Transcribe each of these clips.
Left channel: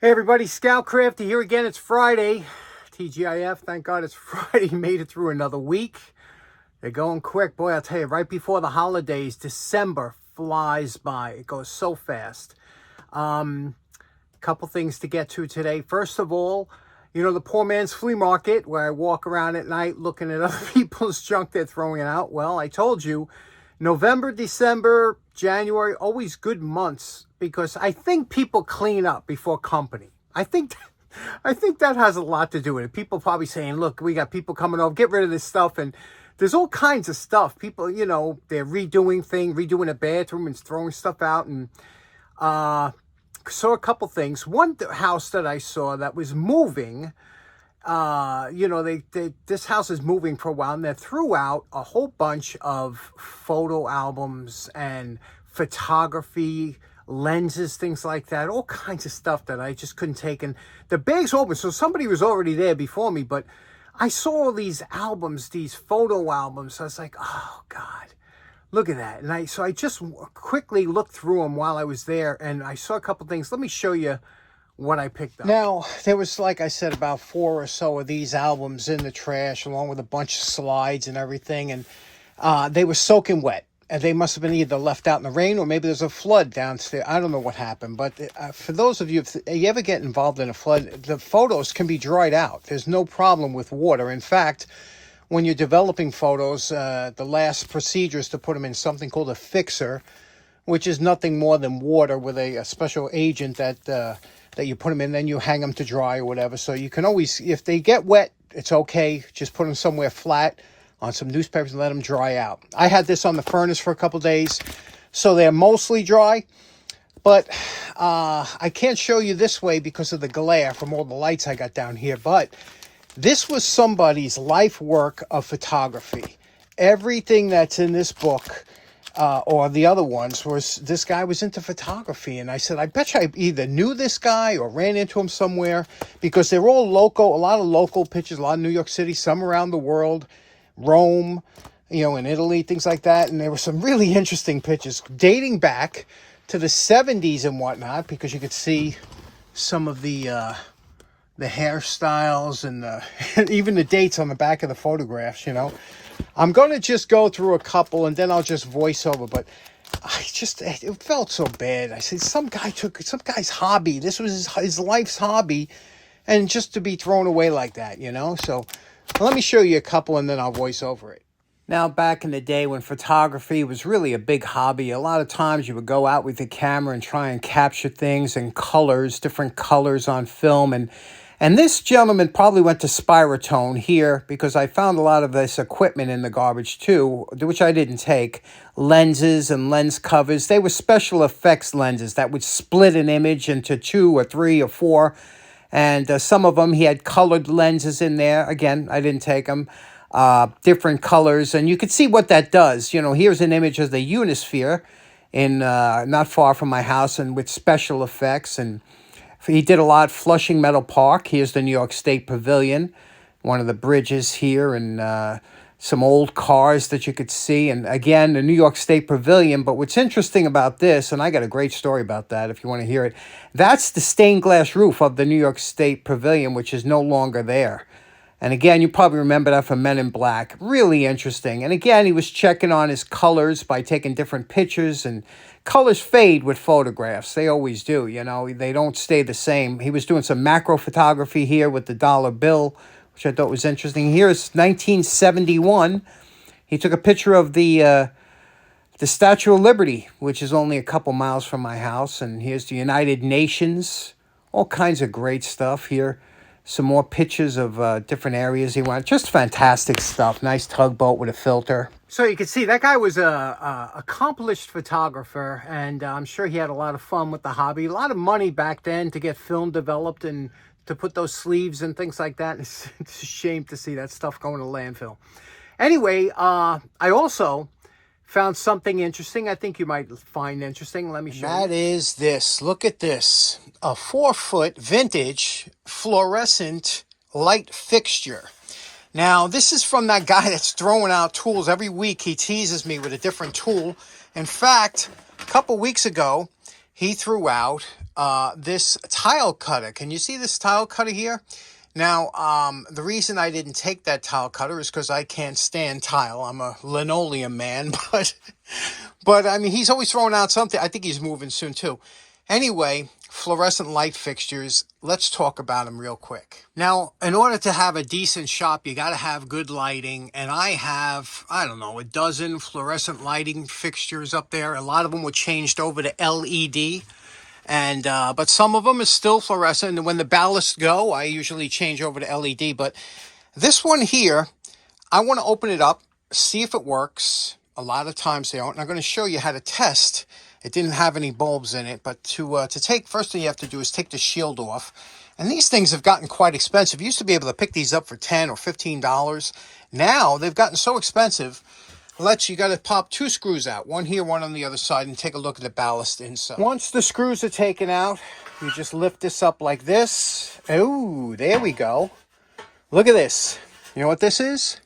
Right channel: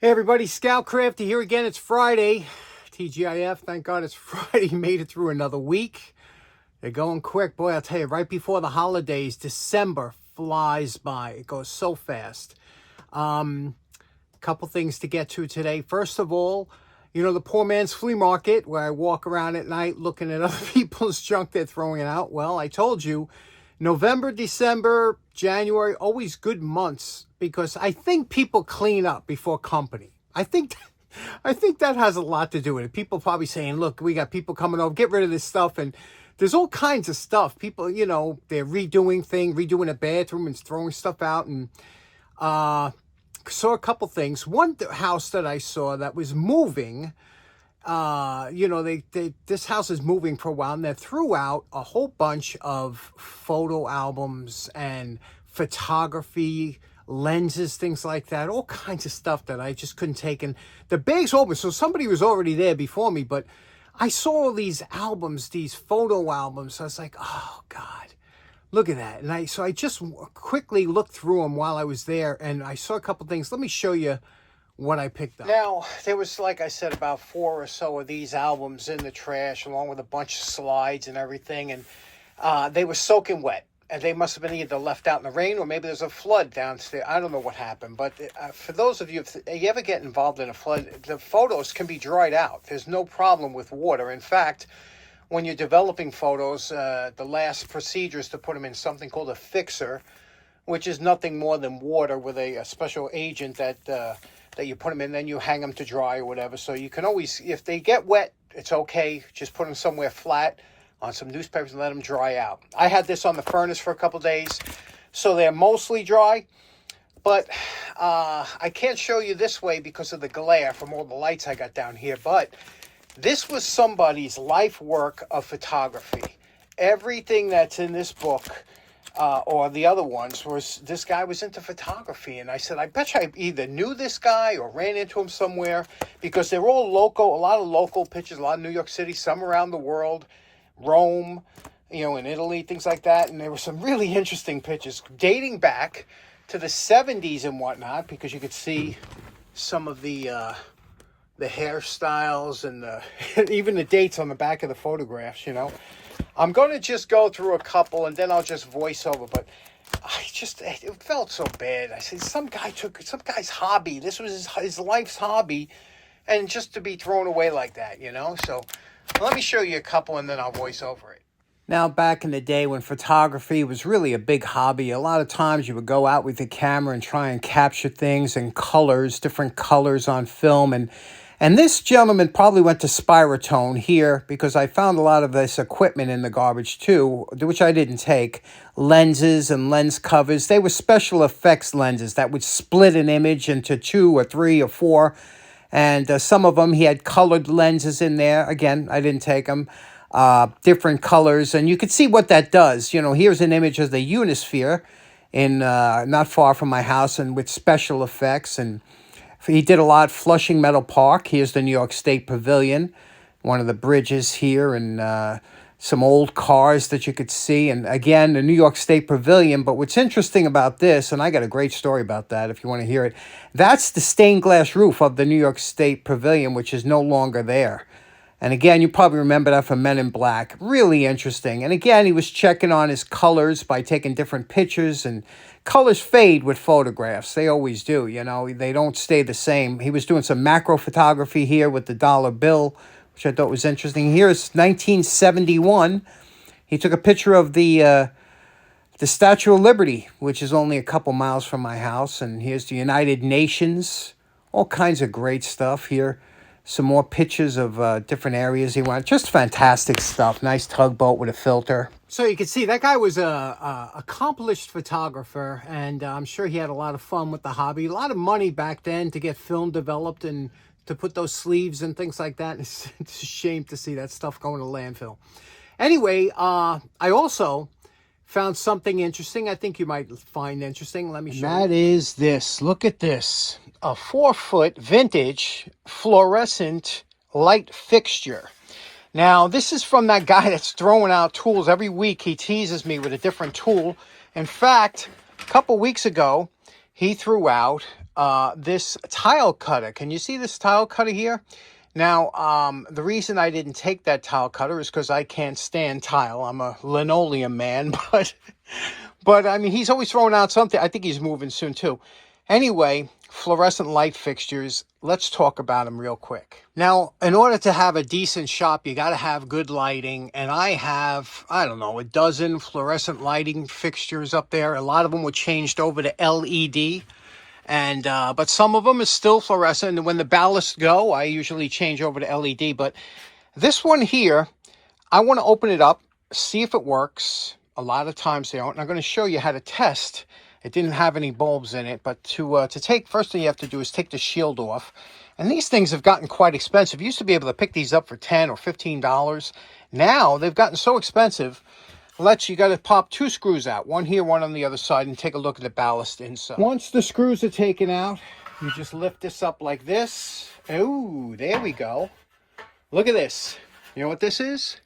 Hey everybody, Scout Crafty here again. It's Friday. TGIF, thank God it's Friday. Made it through another week. They're going quick. Boy, I'll tell you, right before the holidays, December flies by. It goes so fast. Couple things to get to today. First of all, you know, the poor man's flea market where I walk around at night looking at other people's junk they're throwing out. Well, I told you, November, December, January, always good months because I think people clean up before company. I think that has a lot to do with it. People probably saying, look, we got people coming over, get rid of this stuff. And there's all kinds of stuff. People, you know, they're redoing a bathroom and throwing stuff out. And saw a couple things. One house that I saw that was moving, you know, this house is moving for a while, and they threw out a whole bunch of photo albums and photography lenses, things like that, all kinds of stuff that I just couldn't take. And the bag's open, so somebody was already there before me, but I saw all these albums, these photo albums. I was like, oh God, look at that. And I just quickly looked through them while I was there, and I saw a couple things. Let me show you what I picked up. Now, there was, like I said, about 4 or so of these albums in the trash, along with a bunch of slides and everything, and they were soaking wet. And they must have been either left out in the rain or maybe there's a flood downstairs. I don't know what happened. But for those of you, if you ever get involved in a flood, the photos can be dried out. There's no problem with water. In fact, when you're developing photos, the last procedure is to put them in something called a fixer, which is nothing more than water with a special agent that you put them in, then you hang them to dry or whatever. So you can always, if they get wet, it's okay. Just put them somewhere flat on some newspapers and let them dry out. I had this on the furnace for a couple days, so they're mostly dry. But I can't show you this way because of the glare from all the lights I got down here. But this was somebody's life work of photography. Everything that's in this book, or the other ones, was this guy was into photography. And I said, I bet you I either knew this guy or ran into him somewhere, because they're all local, a lot of local pictures, a lot of New York City, some around the world, Rome, you know, in Italy, things like that. And there were some really interesting pictures dating back to the 70s and whatnot, because you could see some of the hairstyles and even the dates on the back of the photographs, you know. I'm going to just go through a couple and then I'll just voice over, but it felt so bad. I said, some guy took some guy's hobby. This was his life's hobby, and just to be thrown away like that, you know. So let me show you a couple and then I'll voice over it. Now, back in the day when photography was really a big hobby, a lot of times you would go out with the camera and try and capture things in colors, different colors on film. And this gentleman probably went to Spirotone here, because I found a lot of this equipment in the garbage too, which I didn't take. Lenses and lens covers. They were special effects lenses that would split an image into 2 or 3 or 4. And some of them, he had colored lenses in there. Again, I didn't take them. Different colors. And you could see what that does. You know, here's an image of the Unisphere in not far from my house, and with special effects. And he did a lot. Flushing Meadow Park. Here's the New York State Pavilion. One of the bridges here, and some old cars that you could see. And again, the New York State Pavilion. But what's interesting about this, and I got a great story about that if you want to hear it, that's the stained glass roof of the New York State Pavilion, which is no longer there. And again, you probably remember that from Men in Black. Really interesting. And again, he was checking on his colors by taking different pictures, and colors fade with photographs. They always do, you know. They don't stay the same. He was doing some macro photography here with the dollar bill, which I thought was interesting. Here's 1971. He took a picture of the Statue of Liberty, which is only a couple miles from my house. And here's the United Nations. All kinds of great stuff here. Some more pictures of different areas he went. Just fantastic stuff. Nice tugboat with a filter. So you can see that guy was a accomplished photographer, and I'm sure he had a lot of fun with the hobby. A lot of money back then to get film developed and to put those sleeves and things like that. It's a shame to see that stuff going to landfill. Anyway, I also found something interesting. I think you might find interesting. Let me show you. That is this. Look at this. A 4-foot vintage fluorescent light fixture. Now, this is from that guy that's throwing out tools. Every week he teases me with a different tool. In fact, a couple weeks ago, he threw out this tile cutter. Can you see this tile cutter here? Now, the reason I didn't take that tile cutter is because I can't stand tile. I'm a linoleum man, but I mean, he's always throwing out something. I think he's moving soon too. Anyway, fluorescent light fixtures. Let's talk about them real quick. Now, in order to have a decent shop, you got to have good lighting. And I have, I don't know, a dozen fluorescent lighting fixtures up there. A lot of them were changed over to LED. And but some of them is still fluorescent. And when the ballasts go, I usually change over to LED. But this one here, I want to open it up, see if it works. A lot of times they don't. And I'm going to show you how to test. It didn't have any bulbs in it, but to take, first thing you have to do is take the shield off. And these things have gotten quite expensive. You used to be able to pick these up for $10 or $15. Now they've gotten so expensive. You got to pop 2 screws out, one here, one on the other side, and take a look at the ballast inside. Once the screws are taken out, you just lift this up like this. Oh, there we go. Look at this. You know what this is?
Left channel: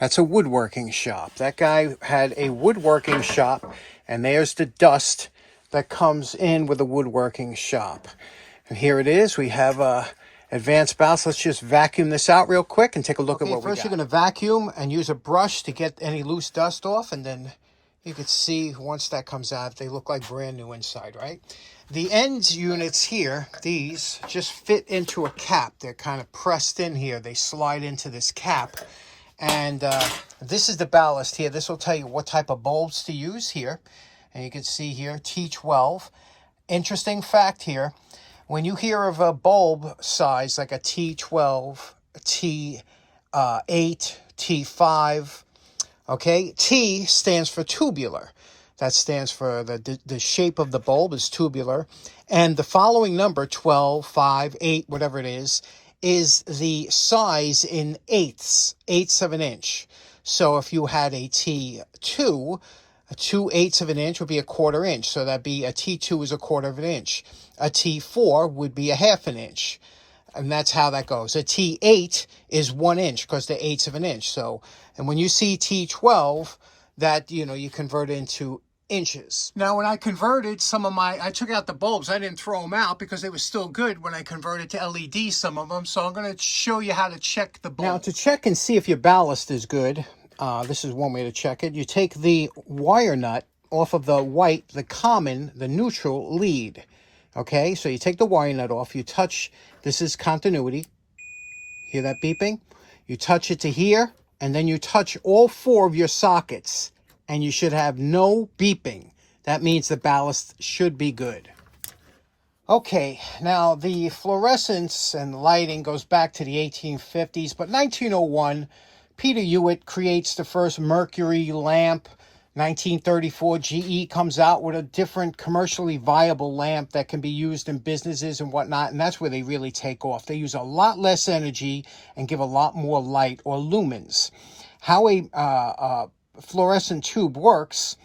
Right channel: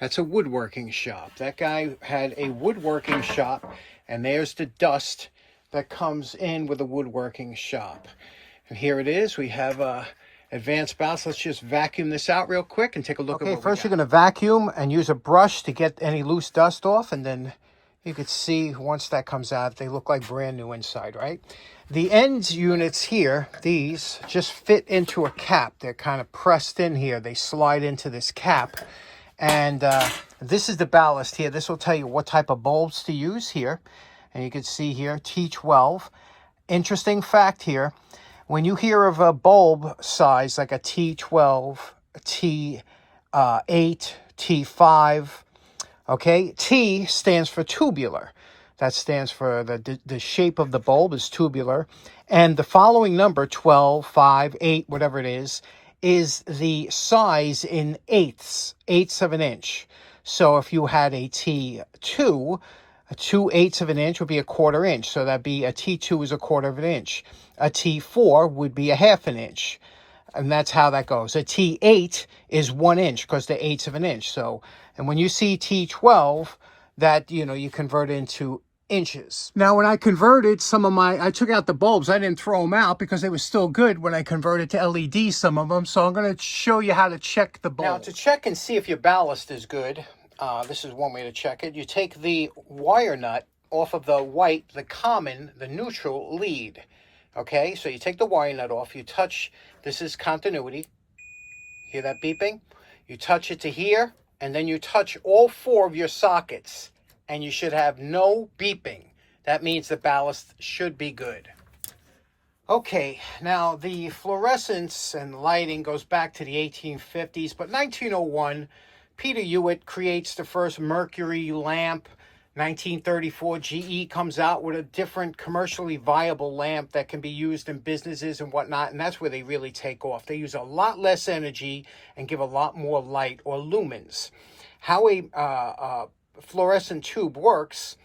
That's a woodworking shop. That guy had a woodworking shop, and there's the dust that comes in with a woodworking shop. And here it is. We have advanced ballast. Let's just vacuum this out real quick and take a look at what we got. First, you're going to vacuum and use a brush to get any loose dust off, and then you can see once that comes out, they look like brand new inside, right? The end units here, these just fit into a cap. They're kind of pressed in here. They slide into this cap. And this is the ballast here. This will tell you what type of bulbs to use here. And you can see here, T12. Interesting fact here. When you hear of a bulb size like a T12, a T8, T5, okay, T stands for tubular. That stands for the shape of the bulb is tubular. And the following number, 12, 5, 8, whatever it is the size in eighths of an inch. So if you had a T2, a 2/8 of an inch would be a 1/4 inch. So that'd be a T2 is a 1/4 of an inch. A T4 would be a 1/2 an inch. And that's how that goes. A T8 is 1 inch because they're 1/8 of an inch. So, and when you see T12, that, you know, you convert into inches. Now, when I converted I took out the bulbs. I didn't throw them out because they were still good when I converted to LED, some of them. So I'm going to show you how to check the bulb. Now, to check and see if your ballast is good, this is one way to check it. You take the wire nut off of the white, the common, the neutral lead. Okay, so you take the wire nut off. You touch, this is continuity. Hear that beeping? You touch it to here, and then you touch all 4 of your sockets. And you should have no beeping. That means the ballast should be good. Okay, now the fluorescence and lighting goes back to the 1850s, but 1901, Peter Hewitt creates the first mercury lamp. 1934, GE comes out with a different commercially viable lamp that can be used in businesses and whatnot, and that's where they really take off. They use a lot less energy and give a lot more light, or lumens. How a fluorescent tube works,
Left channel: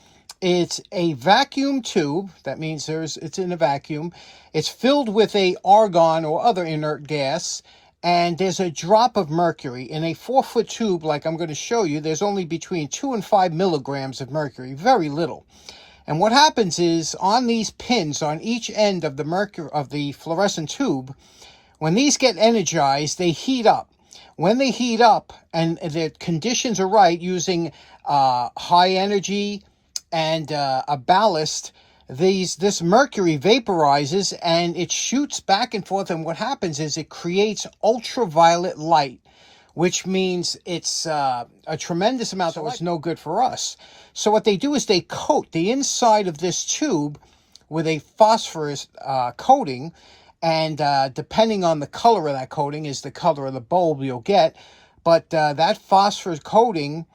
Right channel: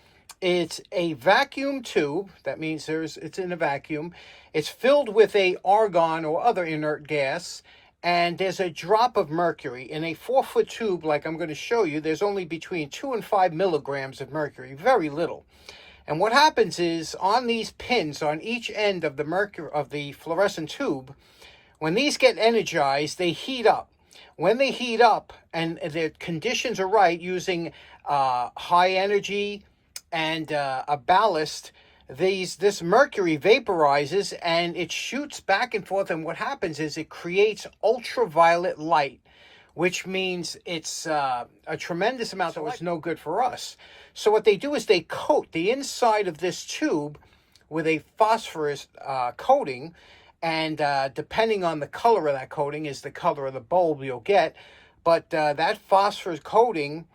it's a vacuum tube. That means it's in a vacuum. It's filled with a argon or other inert gas, and there's a drop of mercury. In a 4-foot tube, like I'm going to show you, there's only between 2 and 5 milligrams of mercury, very little. And what happens is, on these pins on each end of the fluorescent tube, when these get energized, they heat up. When they heat up and the conditions are right, using high energy and a ballast, this mercury vaporizes and it shoots back and forth. And what happens is it creates ultraviolet light, which means it's a tremendous amount that was no good for us. So what they do is they coat the inside of this tube with a phosphorus coating. And depending on the color of that coating is the color of the bulb you'll get. But that phosphorus coating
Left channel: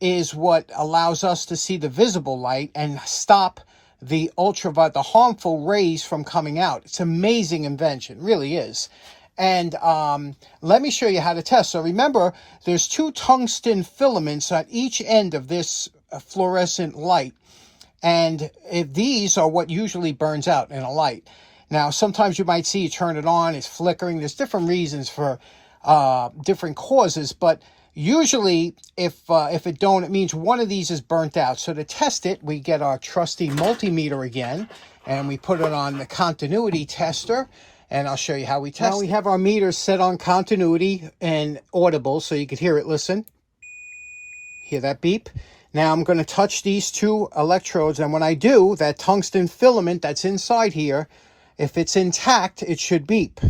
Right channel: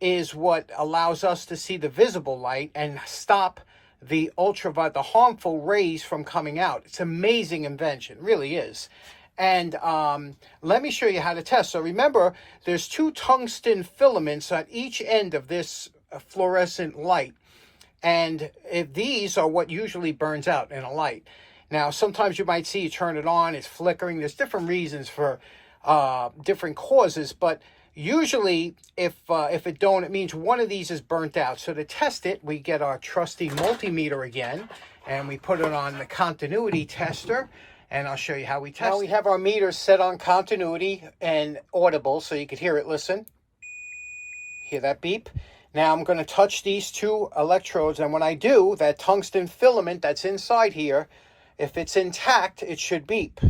is what allows us to see the visible light and stop the ultraviolet, the harmful rays from coming out. It's an amazing invention, really is. And let me show you how to test. So remember, there's 2 tungsten filaments on each end of this fluorescent light. And these are what usually burns out in a light. Now, sometimes you might see you turn it on, it's flickering. There's different reasons for different causes, but usually if it don't, it means one of these is burnt out. So to test it, we get our trusty multimeter again, and we put it on the continuity tester, and I'll show you how we test it. Now we have our meters set on continuity and audible, so you could hear it. Listen. Hear that beep? Now I'm going to touch these two electrodes, and when I do, that tungsten filament that's inside here, if it's intact, it should beep.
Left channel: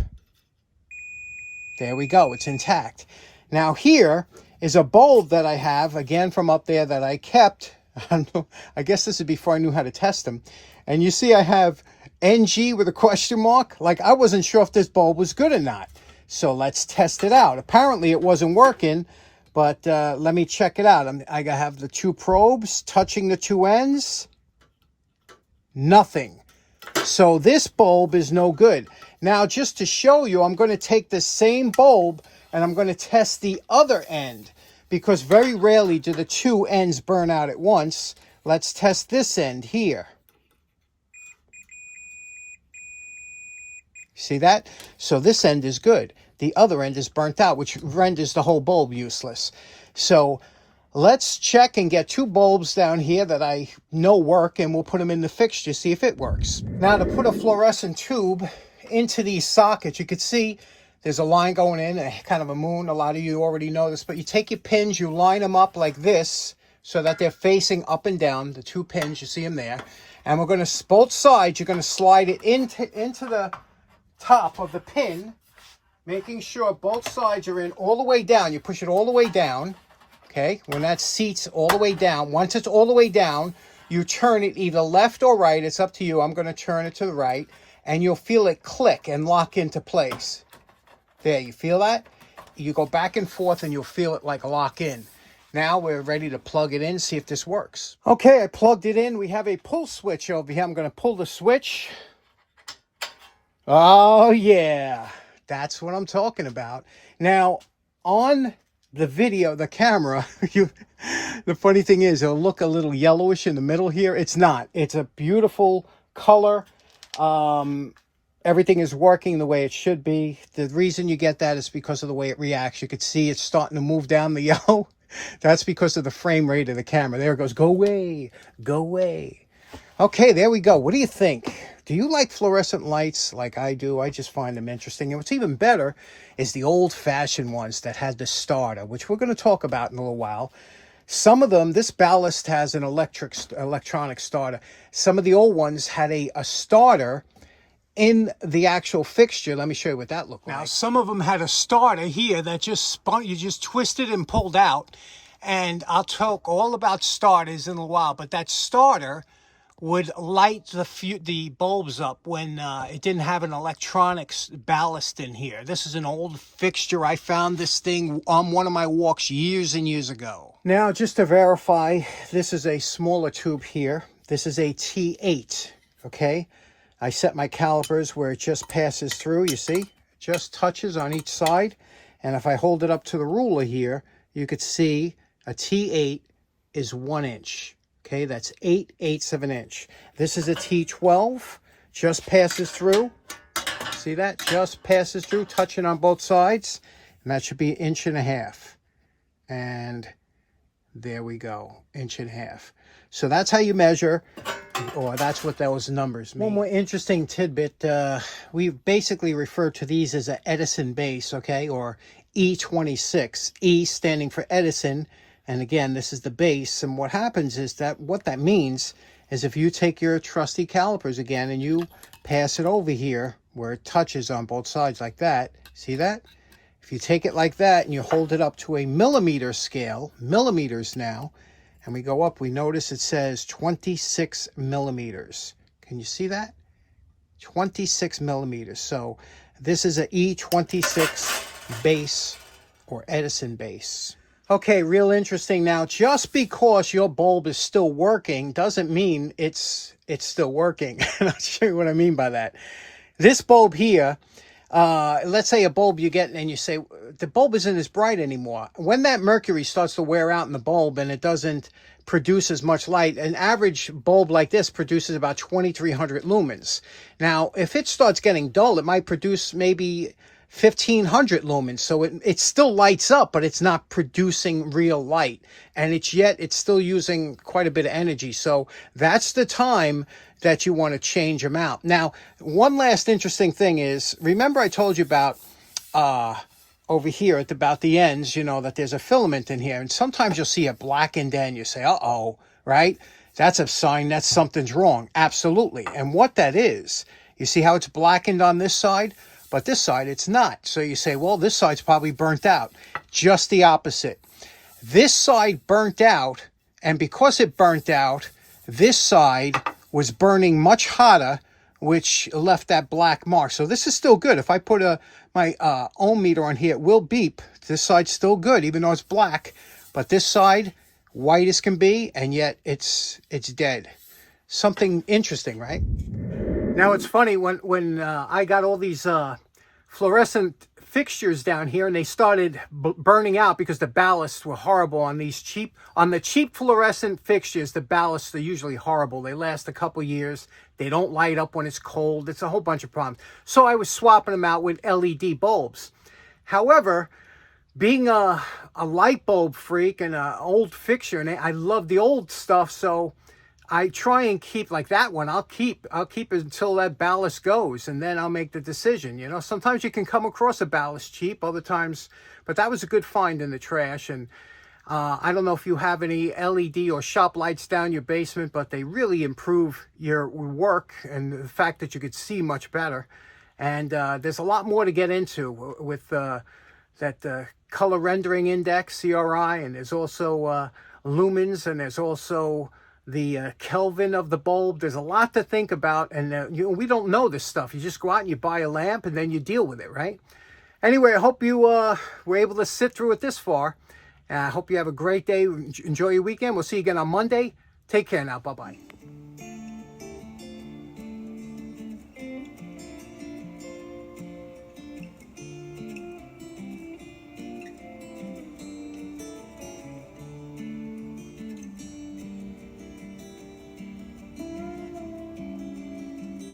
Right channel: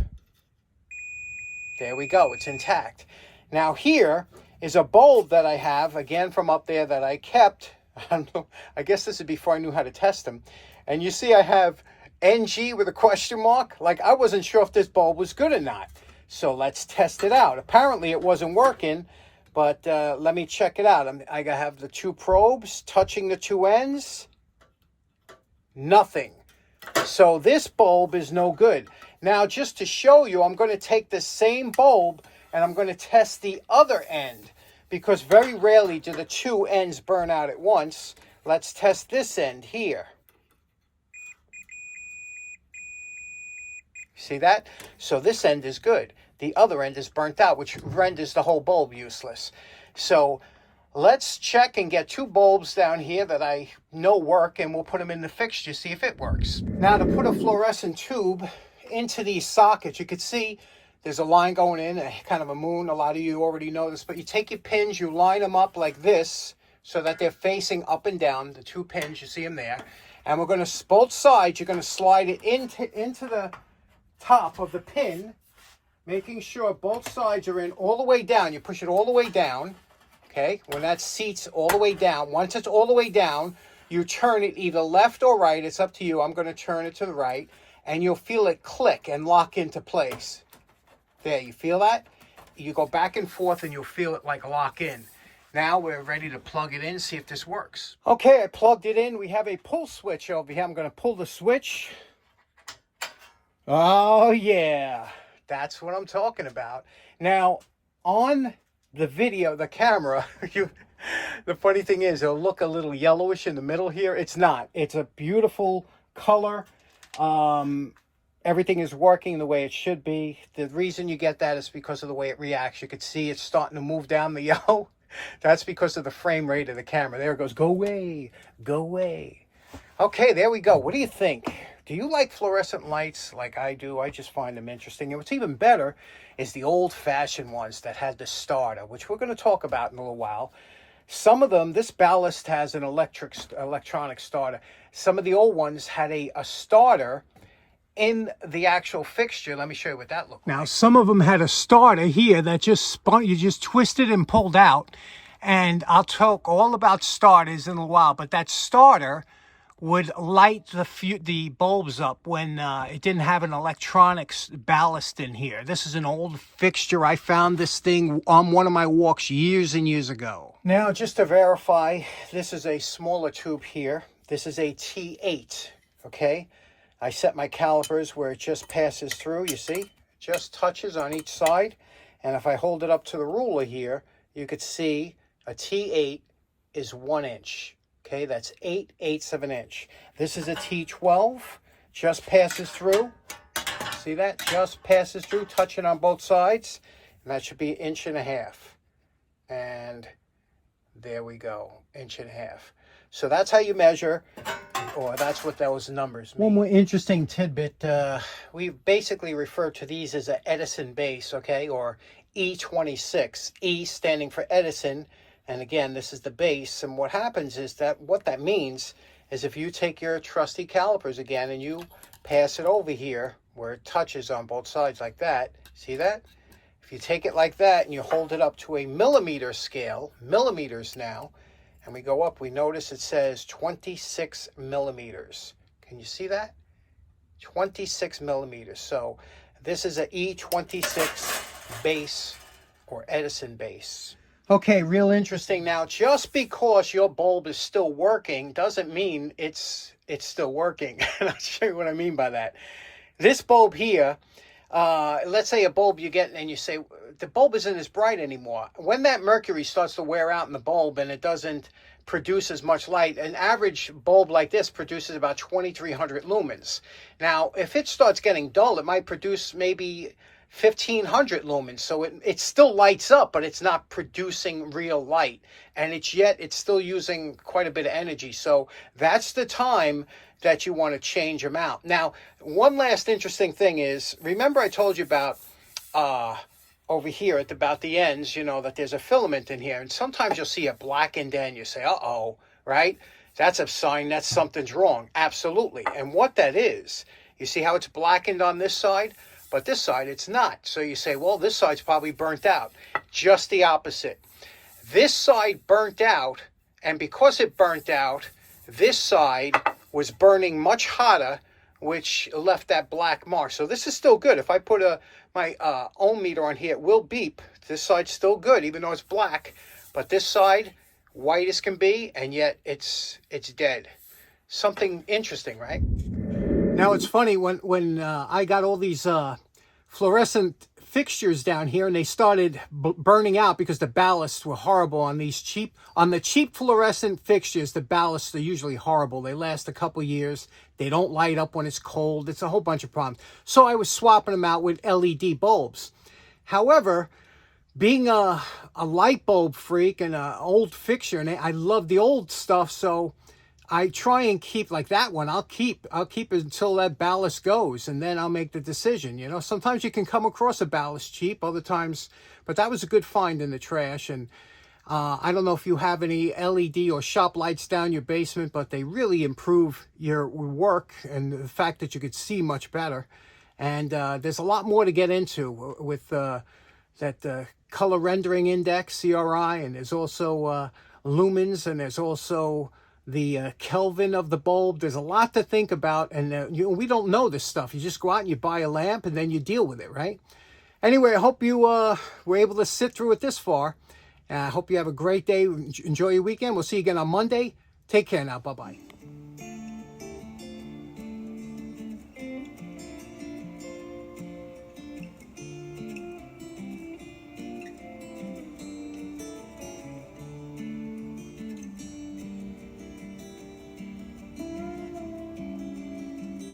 There we go, it's intact. Now here is a bulb that I have, again from up there, that I kept. I don't know, I guess this is before I knew how to test them. And you see I have NG with a question mark. Like, I wasn't sure if this bulb was good or not. So let's test it out. Apparently it wasn't working, but let me check it out. I have the two probes touching the two ends. Nothing. So this bulb is no good. Now, just to show you, I'm going to take the same bulb and I'm going to test the other end, because very rarely do the two ends burn out at once. Let's test this end here. See that? So this end is good. The other end is burnt out, which renders the whole bulb useless. So let's check and get two bulbs down here that I know work, and we'll put them in the fixture, see if it works. Now, to put a fluorescent tube into these sockets, you can see there's a line going in, kind of a moon. A lot of you already know this, but you take your pins, you line them up like this so that they're facing up and down, the two pins, you see them there. And we're going to, both sides, you're going to slide it into the top of the pin, making sure both sides are in all the way down. You push it all the way down, okay? When that seats all the way down, once it's all the way down, you turn it either left or right. It's up to you. I'm going to turn it to the right, and you'll feel it click and lock into place. There, you feel that? You go back and forth and you'll feel it like lock in. Now we're ready to plug it in, see if this works. Okay, I plugged it in. We have a pull switch over here. I'm going to pull the switch. Oh yeah, that's what I'm talking about. Now, on the video, the camera, the funny thing is, it'll look a little yellowish in the middle here. It's not. It's a beautiful color. Everything is working the way it should be. The reason you get that is because of the way it reacts. You can see it's starting to move down the yellow. That's because of the frame rate of the camera. There it goes. Go away. Go away. Okay, there we go. What do you think? Do you like fluorescent lights like I do? I just find them interesting. And what's even better is the old-fashioned ones that had the starter, which we're going to talk about in a little while. Some of them, this ballast has an electronic starter. Some of the old ones had a starter in the actual fixture. Let me show you what that looked like. Now, some of them had a starter here that just spun, you just twisted and pulled out. And I'll talk all about starters in a while, but that starter would light the bulbs up when it didn't have an electronics ballast in here. This is an old fixture. I found this thing on one of my walks years and years ago. Now, just to verify, this is a smaller tube here. This is a T8, okay? I set my calipers where it just passes through, you see? It just touches on each side. And if I hold it up to the ruler here, you could see a T8 is 1 inch. Okay, that's 8/8 of an inch. This is a T12, just passes through. See that? Just passes through, touching on both sides. And that should be 1.5 inches. And there we go, 1.5 inches. So that's how you measure, or that's what those numbers mean. One more interesting tidbit. We basically refer to these as an Edison base, okay, or E26. E standing for Edison. And again, this is the base. And what happens is that what that means is if you take your trusty calipers again and you pass it over here where it touches on both sides like that, see that? If you take it like that and you hold it up to a millimeter scale, millimeters now, and we go up, we notice it says 26 millimeters. Can you see that? 26 millimeters. So this is a E26 base or Edison base. Okay, real interesting. Now, just because your bulb is still working doesn't mean it's still working. I'll show you what I mean by that. This bulb here, let's say a bulb you get and you say, the bulb isn't as bright anymore. When that mercury starts to wear out in the bulb and it doesn't produce as much light, an average bulb like this produces about 2,300 lumens. Now, if it starts getting dull, it might produce maybe 1500 lumens. So it still lights up, but it's not producing real light. And it's still using quite a bit of energy. So that's the time that you want to change them out. Now, one last interesting thing is, remember I told you about over here at about the ends, that there's a filament in here. And sometimes you'll see it blackened and you say, uh-oh, right? That's a sign that something's wrong. Absolutely. And what that is, you see how it's blackened on this side? But this side, it's not. So you say, well, this side's probably burnt out. Just the opposite. This side burnt out, and because it burnt out, this side was burning much hotter, which left that black mark. So this is still good. If I put my ohm meter on here, it will beep. This side's still good, even though it's black. But this side, white as can be, and yet it's dead. Something interesting, right? Now it's funny, when I got all these fluorescent fixtures down here, and they started burning out because the ballasts were horrible on the cheap fluorescent fixtures. The ballasts are usually horrible. They last a couple years. They don't light up when it's cold. It's a whole bunch of problems. So I was swapping them out with LED bulbs. However, being a light bulb freak and an old fixture, and I love the old stuff, so I try and keep, like that one, I'll keep it until that ballast goes, and then I'll make the decision. Sometimes you can come across a ballast cheap, other times, but that was a good find in the trash. And I don't know if you have any LED or shop lights down your basement, but they really improve your work and the fact that you could see much better. And there's a lot more to get into with that color rendering index, CRI, and there's also lumens, and there's also the Kelvin of the bulb. There's a lot to think about, and we don't know this stuff. You just go out and you buy a lamp, and then you deal with it, right? Anyway, I hope you were able to sit through it this far. I hope you have a great day. Enjoy your weekend. We'll see you again on Monday. Take care now. Bye-bye.